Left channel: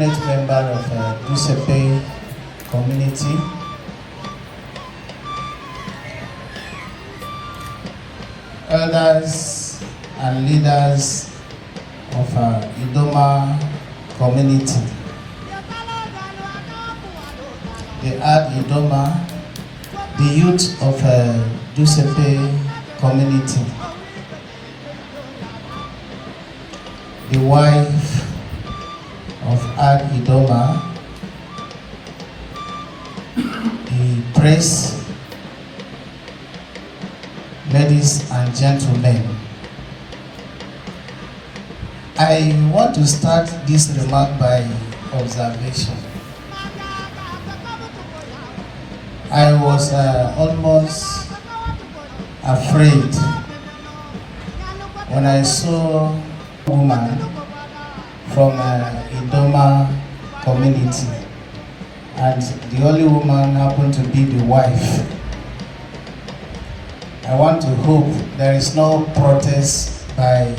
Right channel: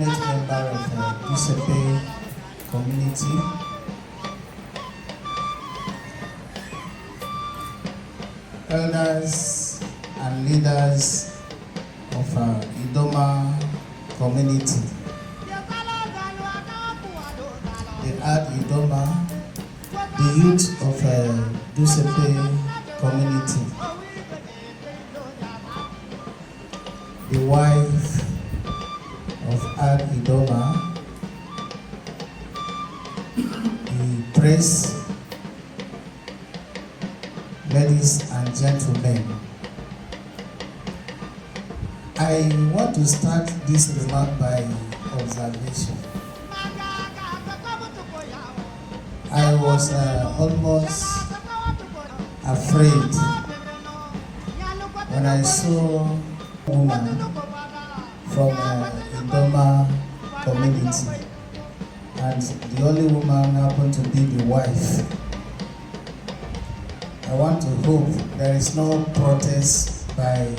definite member of Dutsepe community. Elders and leaders of IDOMA community. The AD IDOMA, the youth of Dutsepe community, the wife of AD IDOMA, the press, ladies and gentlemen. I want to start this remark by observation. I was almost afraid when I saw a woman from IDOMA community, and the only woman happened to be the wife. I want to hope there is no protest by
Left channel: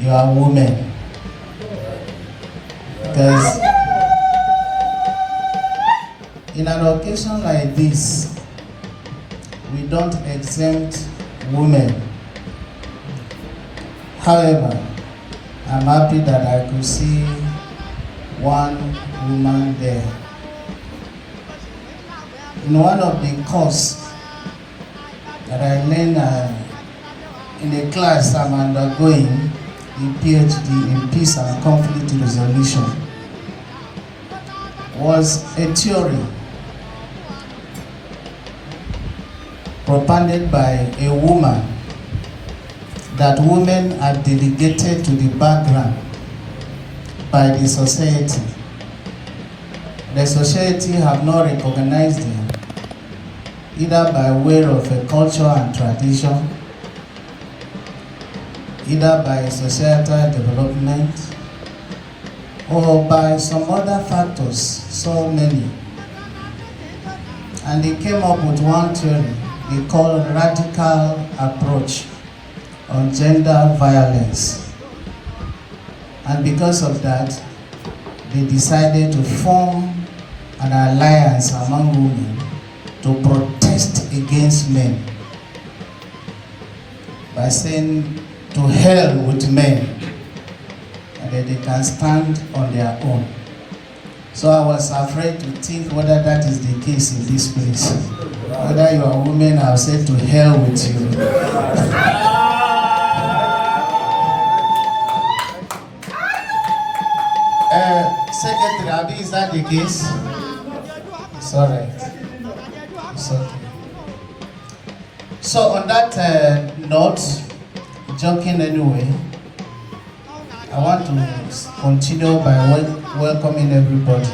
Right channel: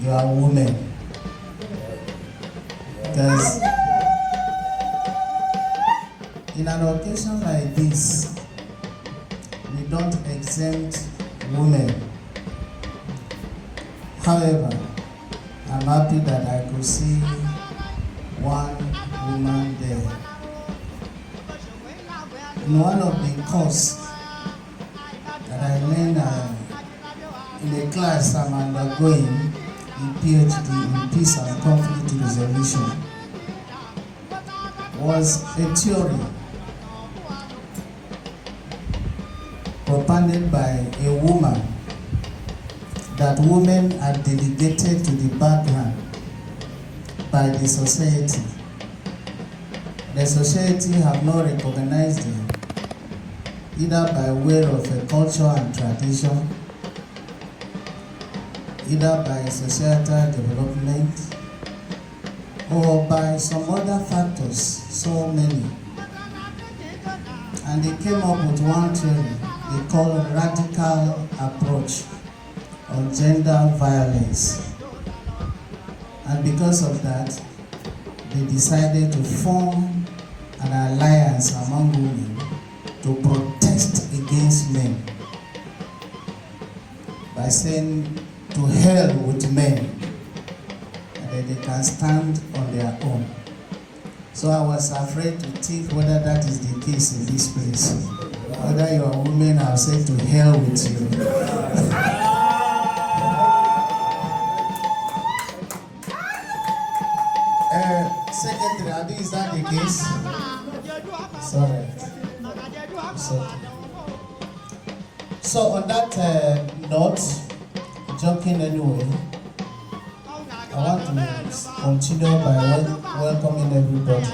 your women, because in an occasion like this, we don't exempt women. However, I'm happy that I could see one woman there. In one of the courses that I learned in the class I'm undergoing, the PhD in Peace and Conflict Resolution, was a theory propounded by a woman that women are delegated to the background by the society. The society have not recognized them, either by way of a culture and tradition, either by societal development, or by some other factors, so many. And they came up with one theory they call radical approach on gender violence. And because of that, they decided to form an alliance among women to protest against men by saying to hell with men, and that they can stand on their own. So I was afraid to think whether that is the case in this place. Whether you are a woman, I'll say to hell with you. Secretary, Abi, is that the case? It's all right. It's okay. So on that note, joking anyway, I want to continue by welcoming everybody.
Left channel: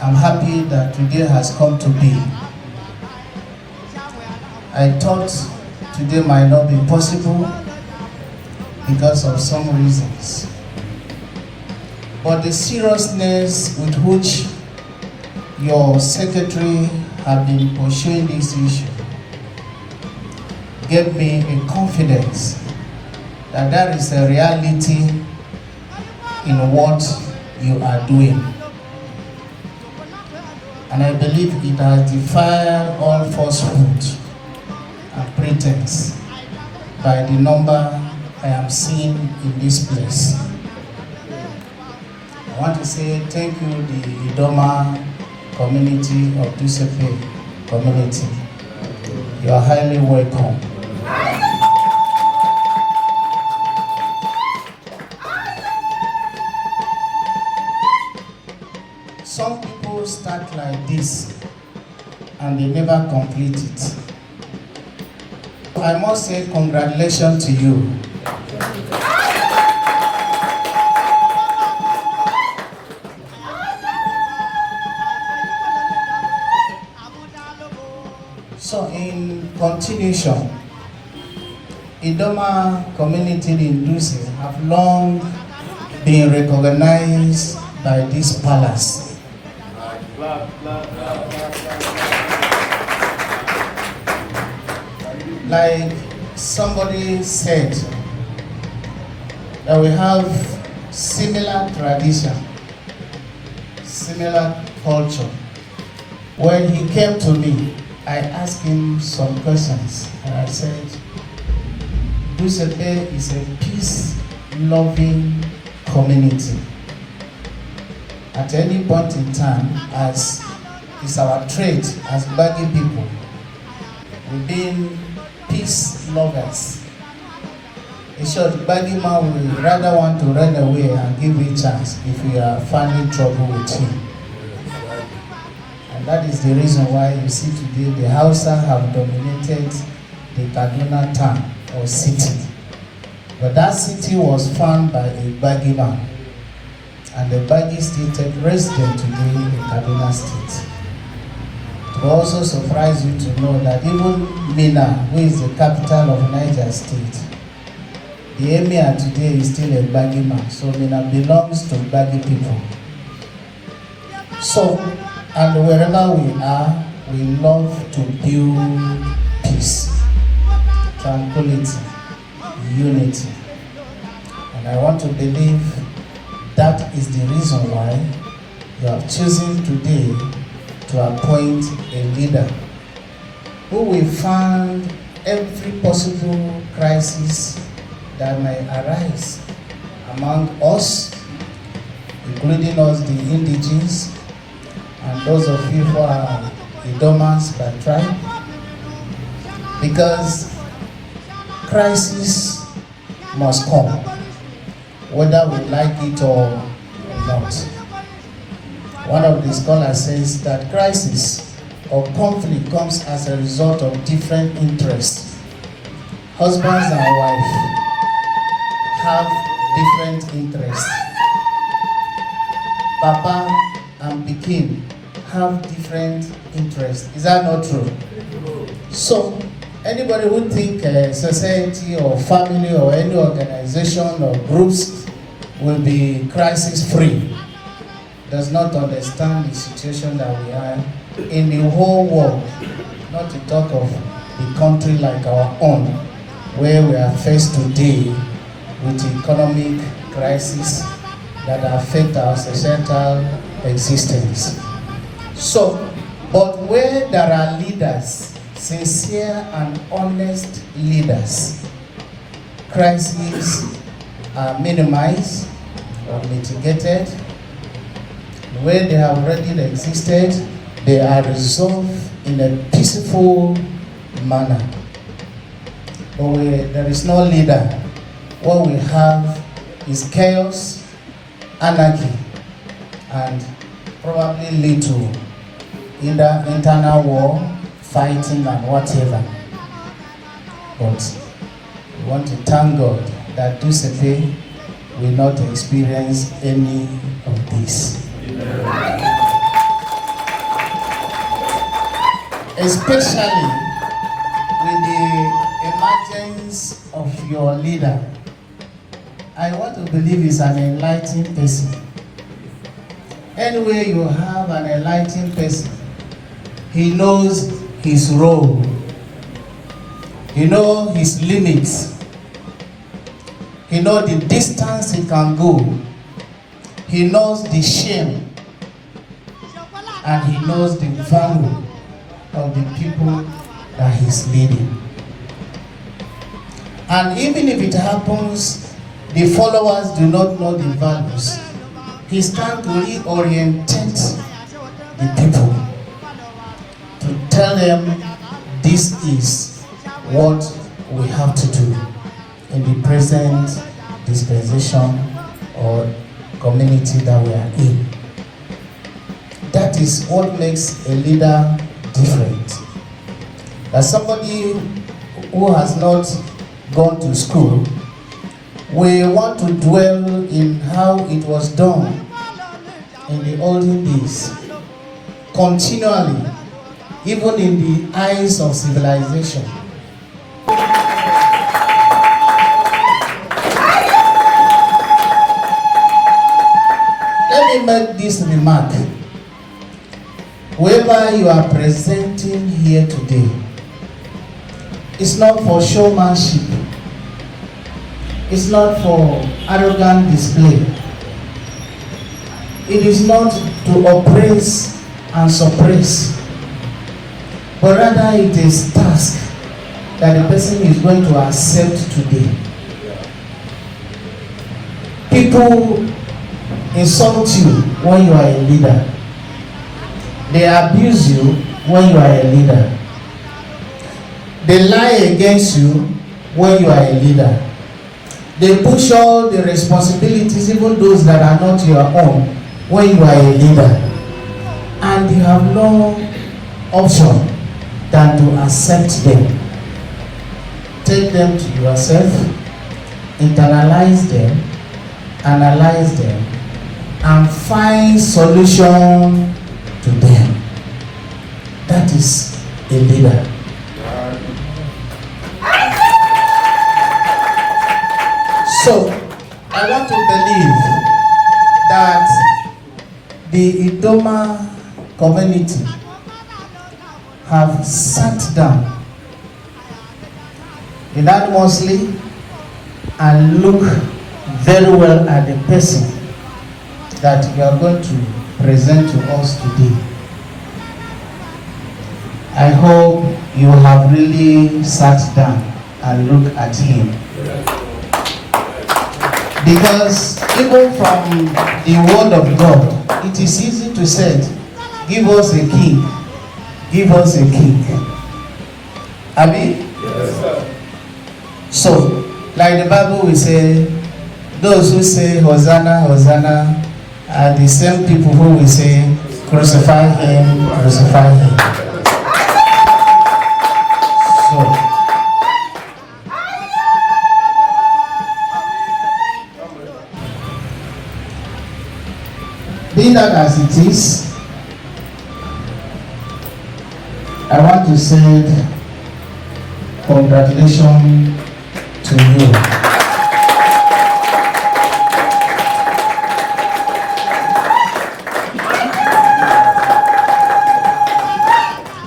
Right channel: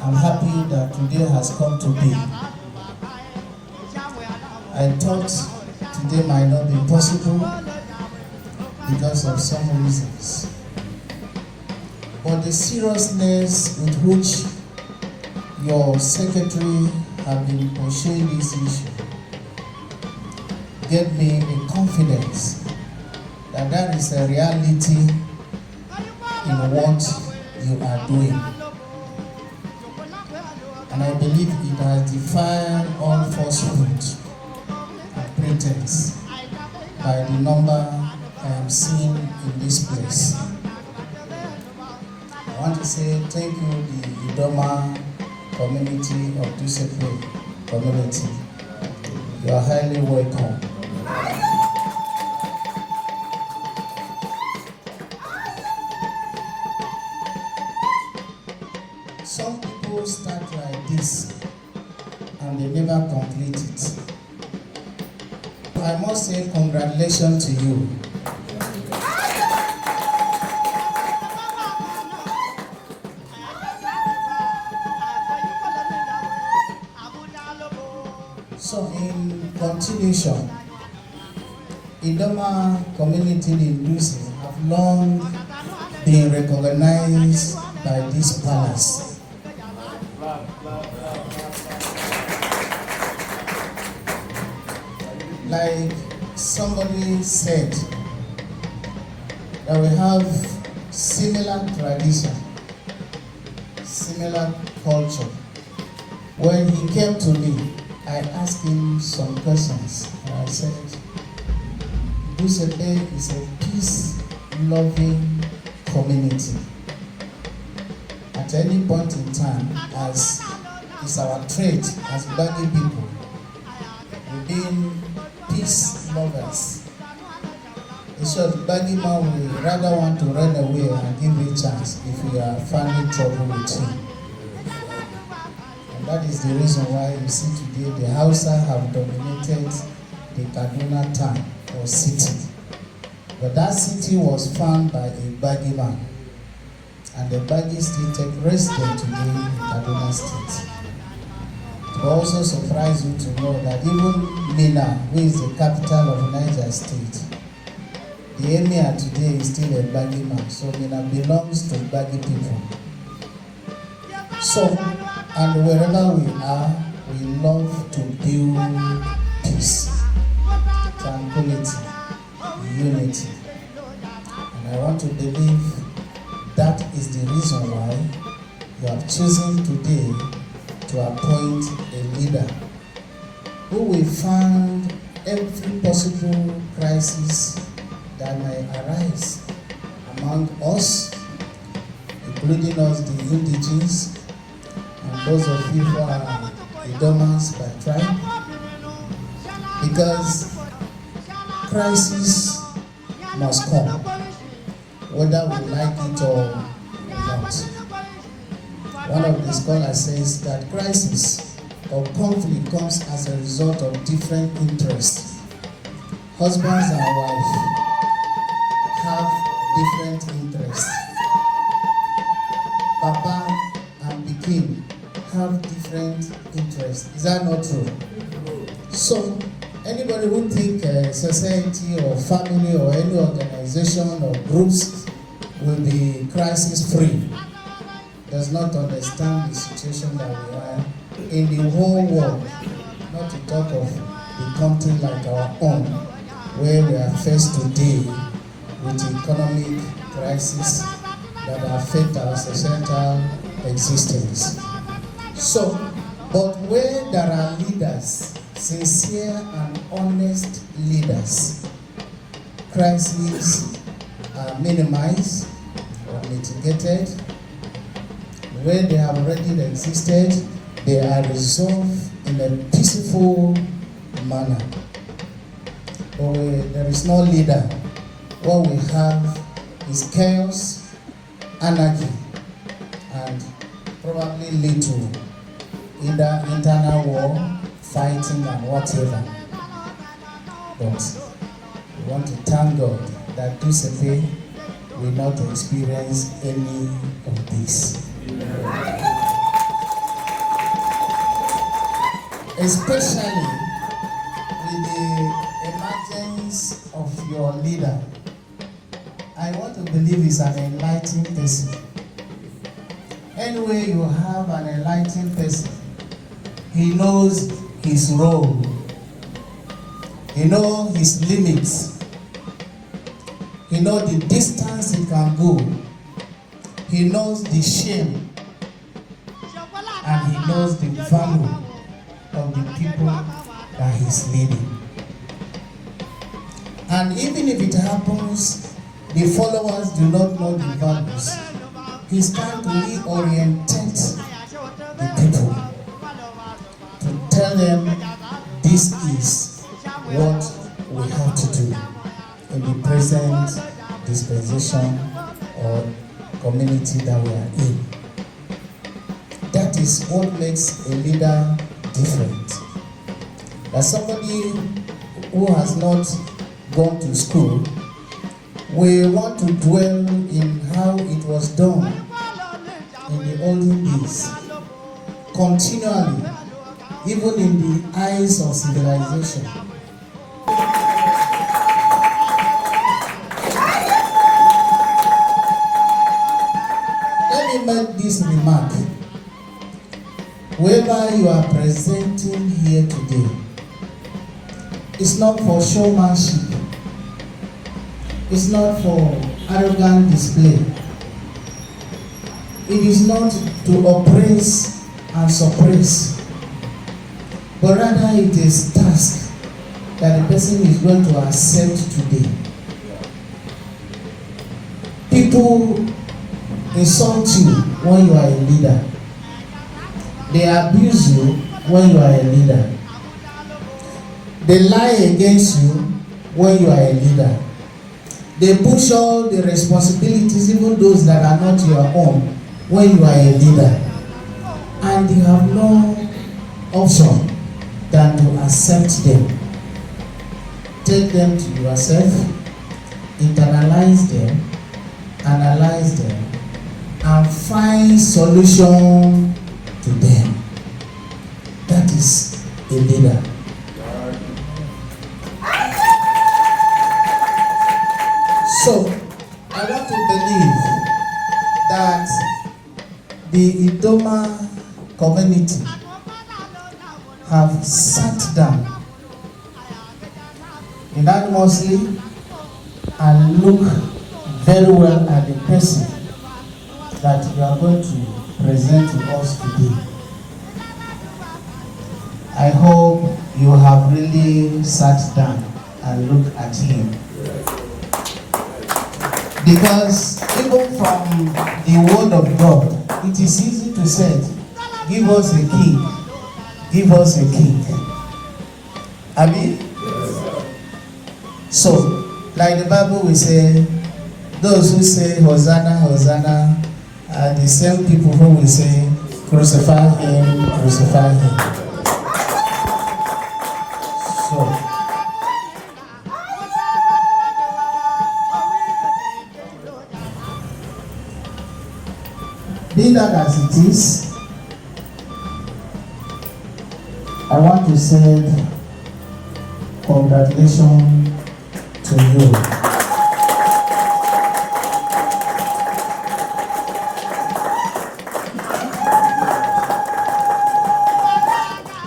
I'm happy that today has come to be. I thought today might not be possible because of some reasons. But the seriousness with which your secretary have been pursuing this issue gave me a confidence that there is a reality in what you are doing. And I believe it has defied all falsehood and pretense by the number I am seeing in this place. I want to say thank you, the IDOMA community of Dutsepe community. You are highly welcome. Some people start like this and they never complete it. I must say congratulations to you. So in continuation, IDOMA community in Dutse have long been recognized by this palace. Like somebody said, that we have similar tradition similar culture. When he came to me, I asked him some questions, and I said, Dutsepe is a peace-loving community. At any point in time, as is our trait as Gbagi people, we've been peace lovers. In short, Gbagi man will rather want to run away and give you a chance if we are finding trouble with him. And that is the reason why you see today the Hausa have dominated the Kaduna town or city. But that city was found by a Gbagi man. And the Gbagi still take resident today in Kaduna State. It will also surprise you to know that even Mina, who is the capital of Niger State, the emir today is still a Gbagi man. So Mina belongs to Gbagi people. So, and wherever we are, we love to build peace, tranquility, unity. And I want to believe that is the reason why you have chosen today to appoint a leader who will find every possible crisis that may arise among us, including us, the Indigenous, and those of you who are IDOMAs by tribe, because crisis must come, whether we like it or not. One of the scholars says that crisis or conflict comes as a result of different interests. Husbands and wives have different interests. Papa and Pikin have different interests. Is that not true? So, anybody who think society or family or any organization or groups will be crisis-free does not understand the situation that we are in the whole world, not to talk of a country like our own, where we are faced today with economic crisis that affect our societal existence. So, but where there are leaders, sincere and honest leaders, crises are minimized or mitigated. Where they have already existed, they are resolved in a peaceful manner. But where there is no leader, what we have is chaos, anarchy, and probably lead to either internal war, fighting, and whatever. But we want to thank God that Dutsepe will not experience any of this. Especially with the emergence of your leader. I want to believe he's an enlightened person. Anyway, you have an enlightened person. He knows his role. He knows his limits. He knows the distance he can go. He knows the shame. And he knows the value of the people that he's leading. And even if it happens, the followers do not know the values, he's trying to reorientate the people to tell them this is what we have to do in the present dispensation or community that we are in. That is what makes a leader different. That somebody who has not gone to school will want to dwell in how it was done in the olden days, continually, even in the eyes of civilization. Let me make this remark. Whoever you are presenting here today, it's not for showmanship. It's not for arrogant display. it is not to oppress and suppress, but rather it is task that the person is going to accept today. People insult you when you are a leader. They abuse you when you are a leader. They lie against you when you are a leader. They push all the responsibilities, even those that are not your own, when you are a leader. And you have no option than to accept them. Take them to yourself, internalize them, analyze them, and find solution to them. That is a leader. So, I want to believe that the IDOMA community have sat down unanimously and look very well at the person that we are going to present to us today. I hope you have really sat down and looked at him. Because even from the word of God, it is easy to say, give us a king, give us a king. Abi? Yes, sir. So, like the Bible will say, those who say Hosanna, Hosanna, are the same people who will say, crucify him, crucify him. So, be that as it is, I want to say congratulations to you.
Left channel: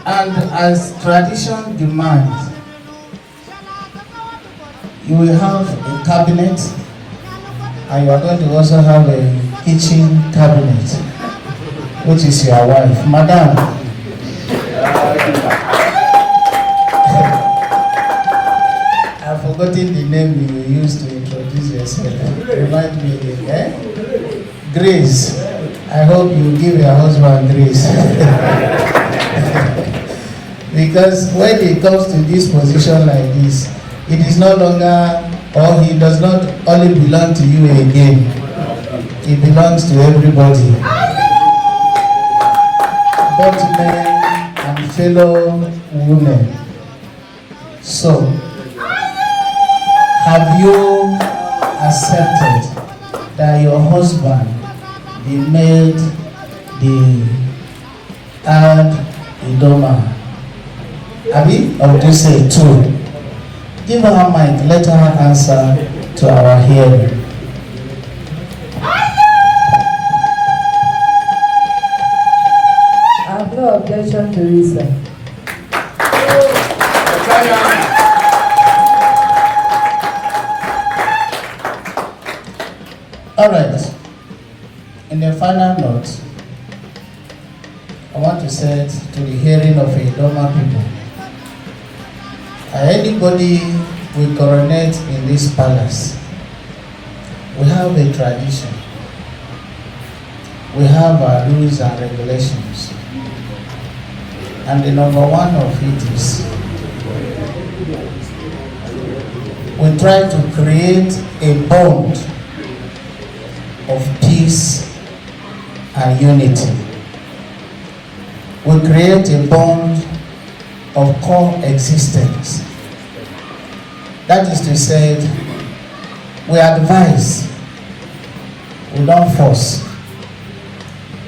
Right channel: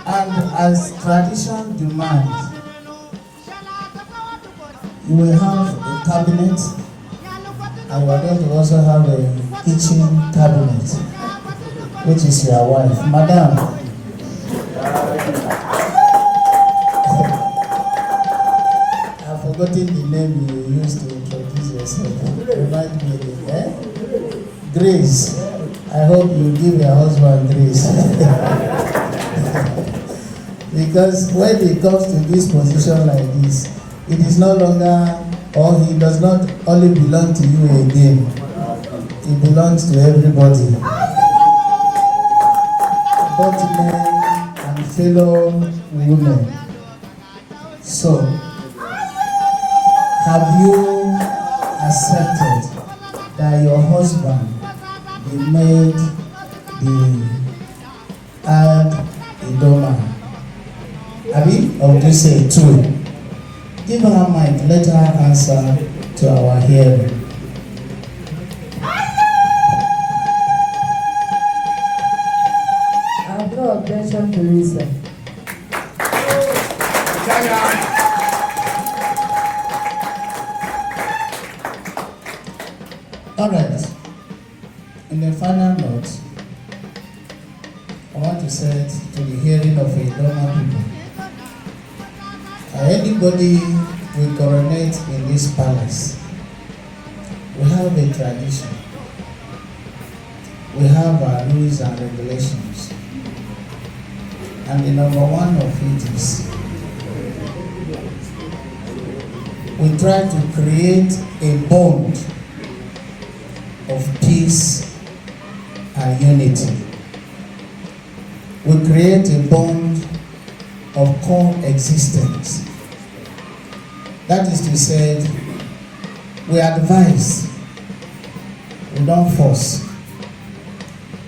And as tradition demands, you will have a cabinet, and you are going to also have a kitchen cabinet, which is your wife. Madam, I've forgotten the name you used to introduce yourself. Remind me, eh? Grace. I hope you give your husband grace. Because when it comes to this position like this, it is no longer, or he does not only belong to you again. It belongs to everybody. Both men and fellow women. So, have you accepted that your husband be made the AD IDOMA of Dutse too? Give her a mic, let her answer to our hearing. I have no objection to this, sir. All right. In the final note, I want to say to the hearing of IDOMA people, anybody will coronate in this palace. We have a tradition. We have our rules and regulations. And the number one of it is we try to create a bond of peace and unity. We create a bond of coexistence. That is to say, we advise, we don't force,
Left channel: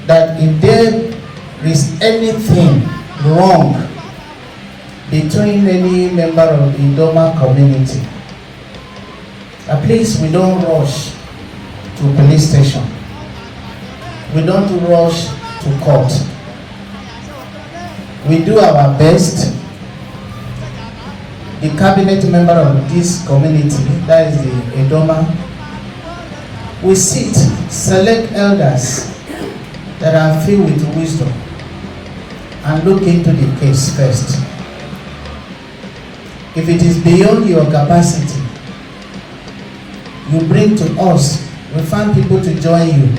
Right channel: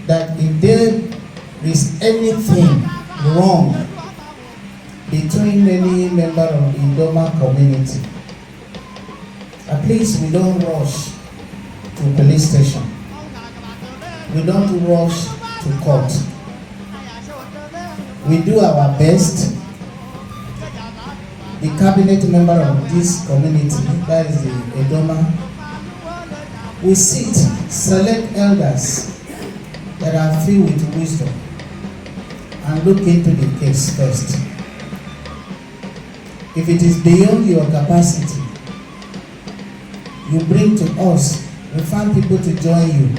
that if there is anything wrong between any member of the IDOMA community, at least we don't rush to police station. We don't rush to court. We do our best. The cabinet member of this community, that is the IDOMA, we sit, select elders that are filled with wisdom and look into the case first. If it is beyond your capacity, you bring to us, we find people to join you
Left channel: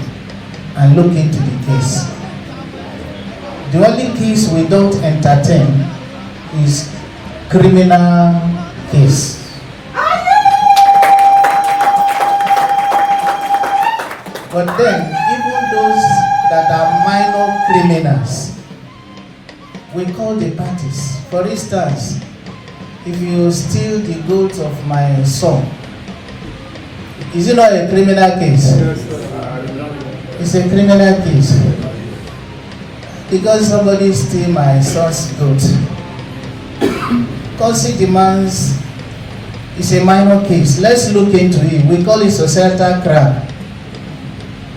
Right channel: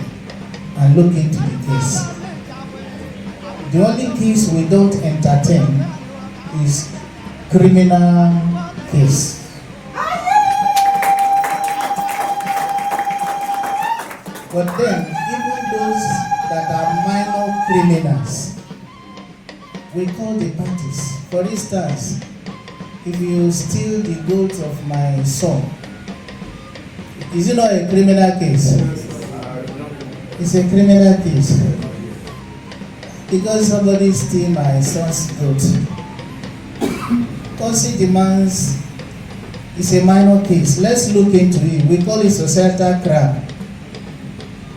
and look into the case. The only case we don't entertain is criminal case. But then, even those that are minor criminals, we call the parties. For instance, if you steal the goat of my son, is it not a criminal case? It's a criminal case. Because somebody steal my son's goat. Custody demands is a minor case. Let's look into it. We call it societal crime.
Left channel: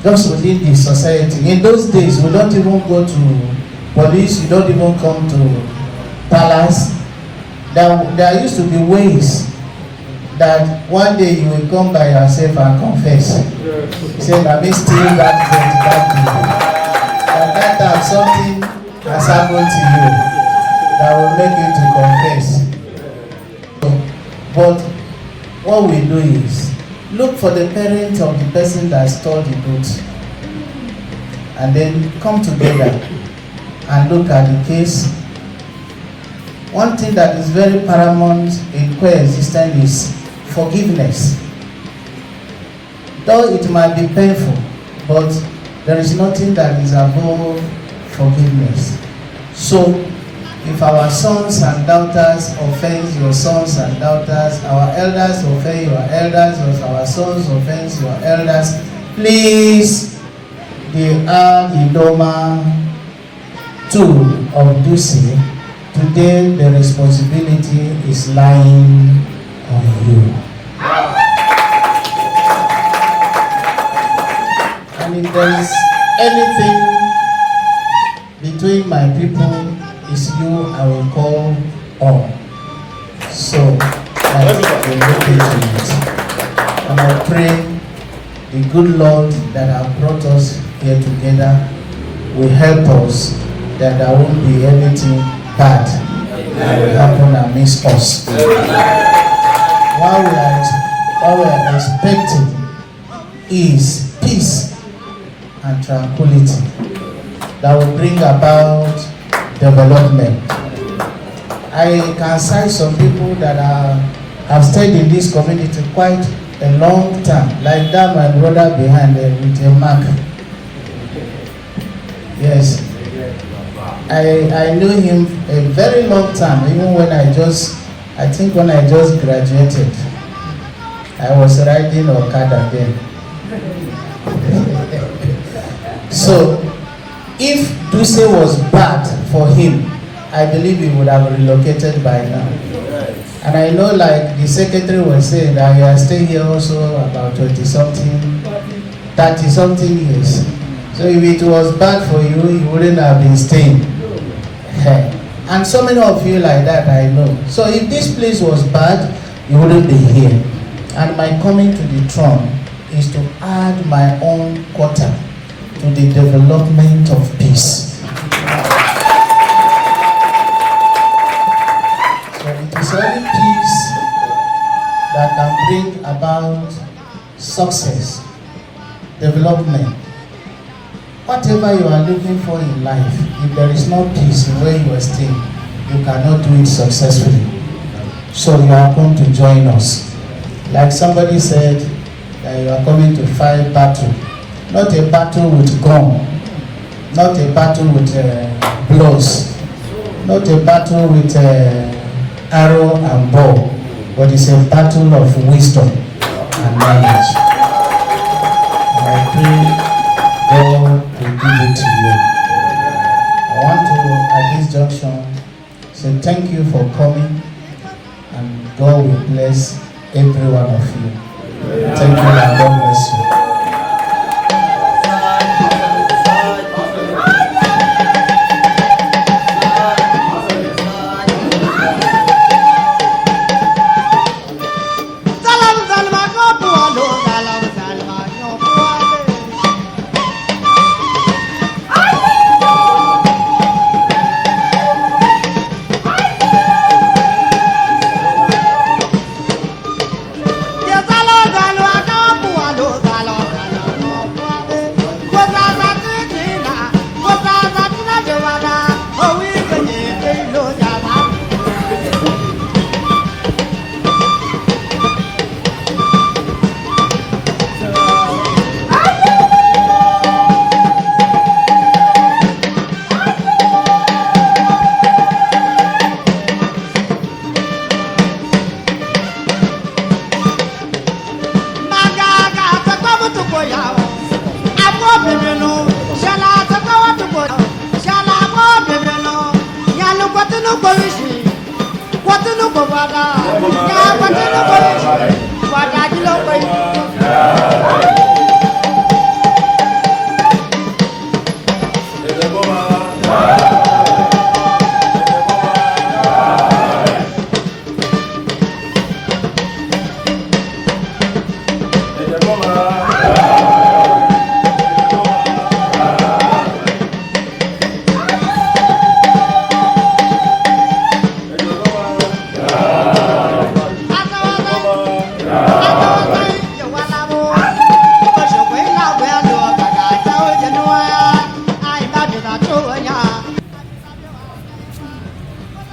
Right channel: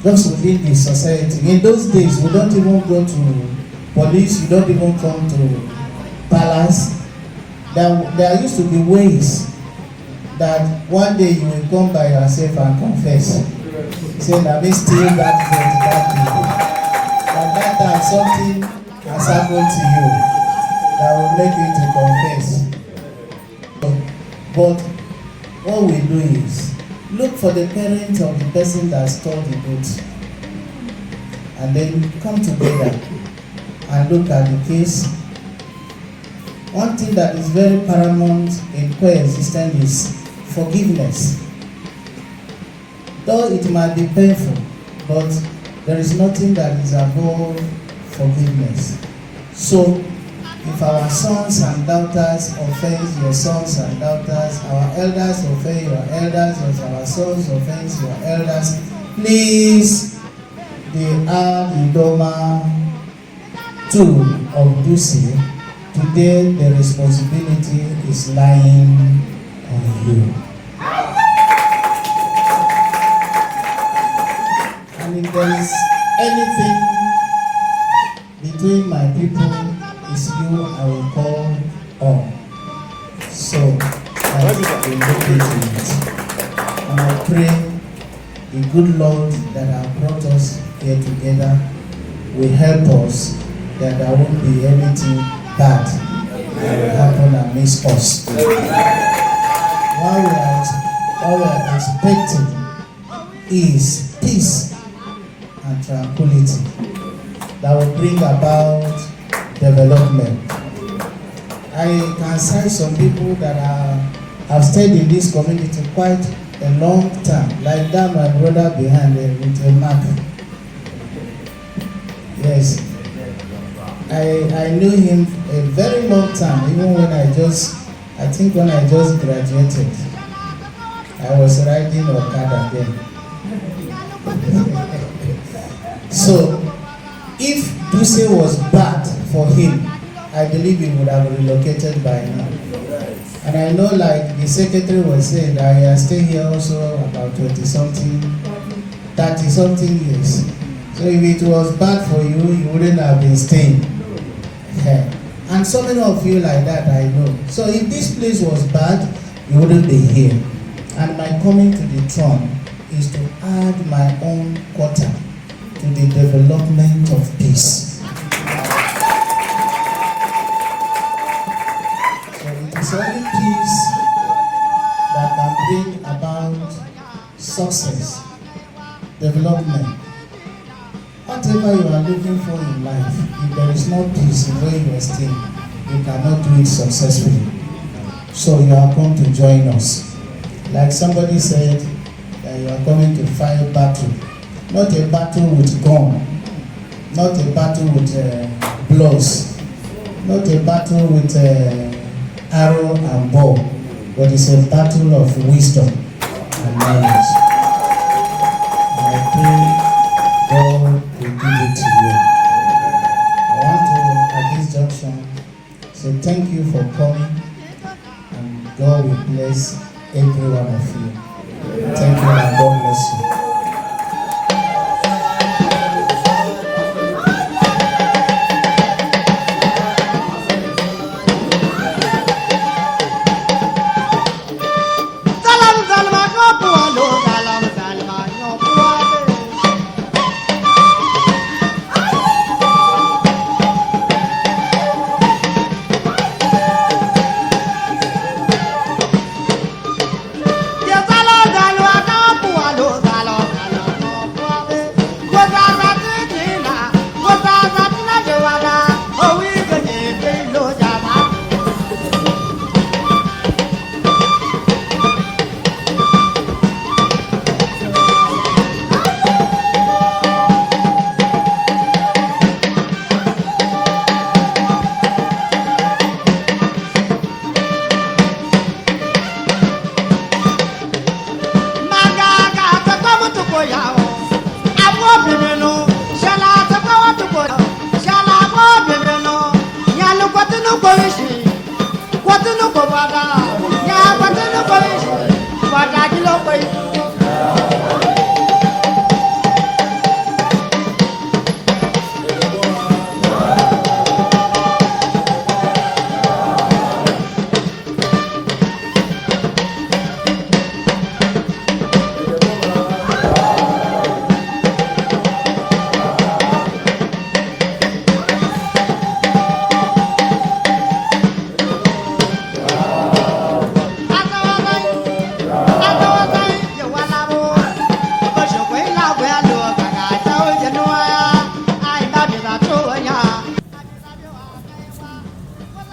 Just within the society. In those days, we don't even go to police, you don't even come to palace. There used to be ways that one day you will come by yourself and confess. Say, let me steal that people. At that time, something has happened to you that will make you to confess. But what we do is look for the parents of the person that stole the goods, and then come together and look at the case. One thing that is very paramount in coexistence is forgiveness. Though it might be painful, but there is nothing that is above forgiveness. So, if our sons and daughters offend your sons and daughters, our elders offend your elders, or our sons offend your elders, please, the AD IDOMA2 of Dutse, today the responsibility is lying on you. And if there is anything between my people, is you I will call on. So that we look into it. And I pray the good Lord that has brought us here together will help us, that there won't be anything bad that will happen amidst us. What we are expecting is peace and tranquility that will bring about development. I can cite some people that have stayed in this community quite a long time, like that my brother behind there with a mark. Yes, I knew him a very long time, even when I just graduated. I was riding Okada then. So, if Dutse was bad for him, I believe he would have relocated by now. And I know, like the secretary was saying, that he has stayed here also about 20-something, 30-something years. So if it was bad for you, you wouldn't have been staying. And so many of you like that, I know. So if this place was bad, you wouldn't be here. And my coming to the throne is to add my own quota to the development of peace. So it is only peace that can bring about success, development. Whatever you are looking for in life, if there is no peace in where you are staying, you cannot do it successfully. So you are going to join us. Like somebody said, that you are coming to fight battle. Not a battle with gun, not a battle with blows, not a battle with arrow and bow, but it's a battle of wisdom and knowledge. And I pray God will give it to you. I want to, at this junction, say thank you for coming, and God will bless every one of you. Thank you, and God bless you.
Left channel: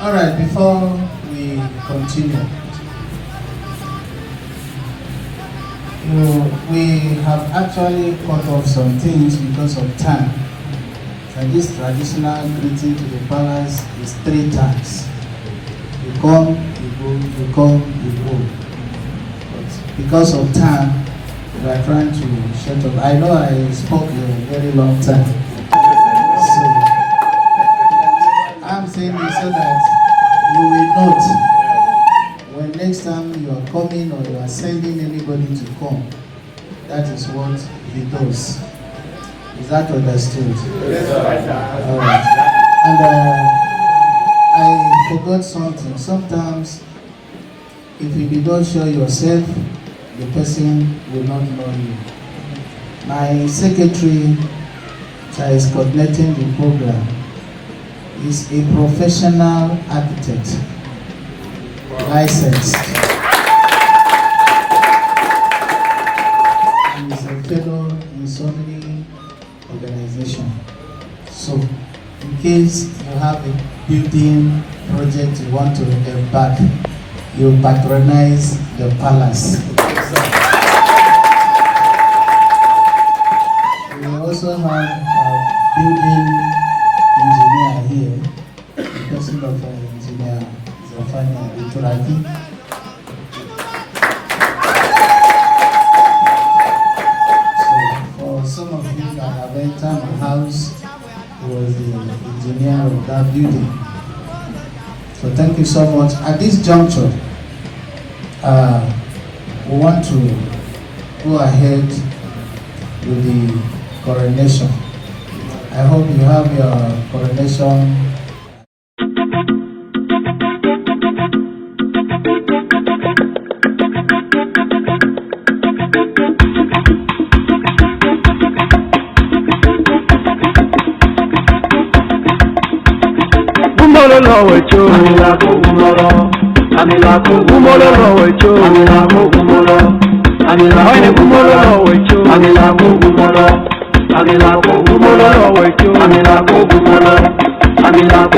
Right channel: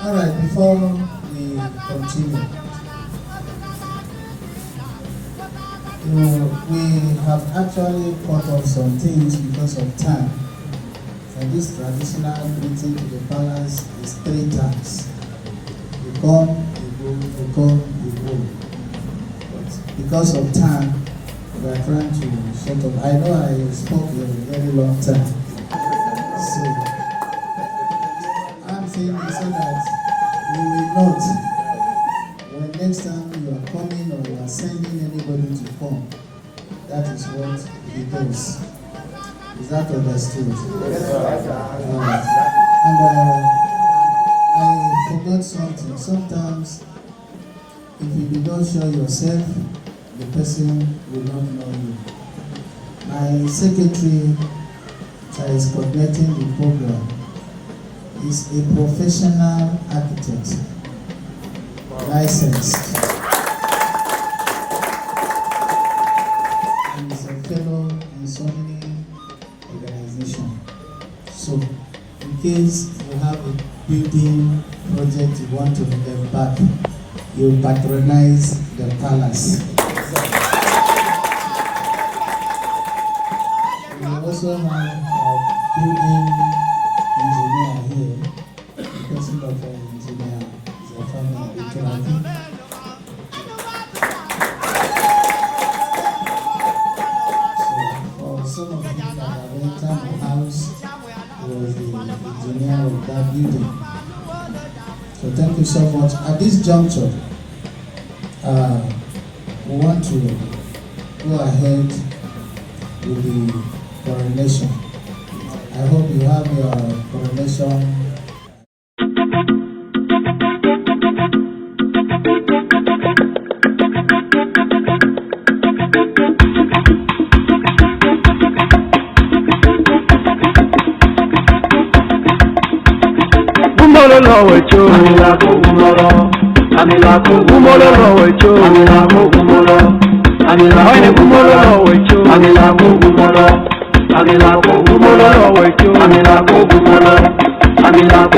All right, before we continue, we have actually cut off some things because of time. And this traditional greeting to the palace is 3 times. You come, you go, you come, you go. But because of time, we are trying to shut up. I know I spoke a very long time. So I'm saying this so that you will note when next time you are coming or you are sending anybody to come, that is what he does. Is that understood? Alright. And I forgot something. Sometimes if you did not show yourself, the person will not know you. My secretary that is coordinating the program is a professional architect, licensed, and is a fellow in so many organizations. So, in case you have a building project you want to embark, you patronize the palace. We also have a building engineer here, the person of engineer Zafani Ituraki. So for some of you that have entered the house, he was the engineer of that building. So thank you so much. At this juncture, we want to go ahead with the coronation. I hope you have your coronation. Gumolo lowe cho, amila ko gumolo, amila ko gumolo lowe cho, amila ko gumolo, amila ko gumolo lowe cho, amila ko gumolo, amila ko gumolo lowe cho, amila ko gumolo, amila ko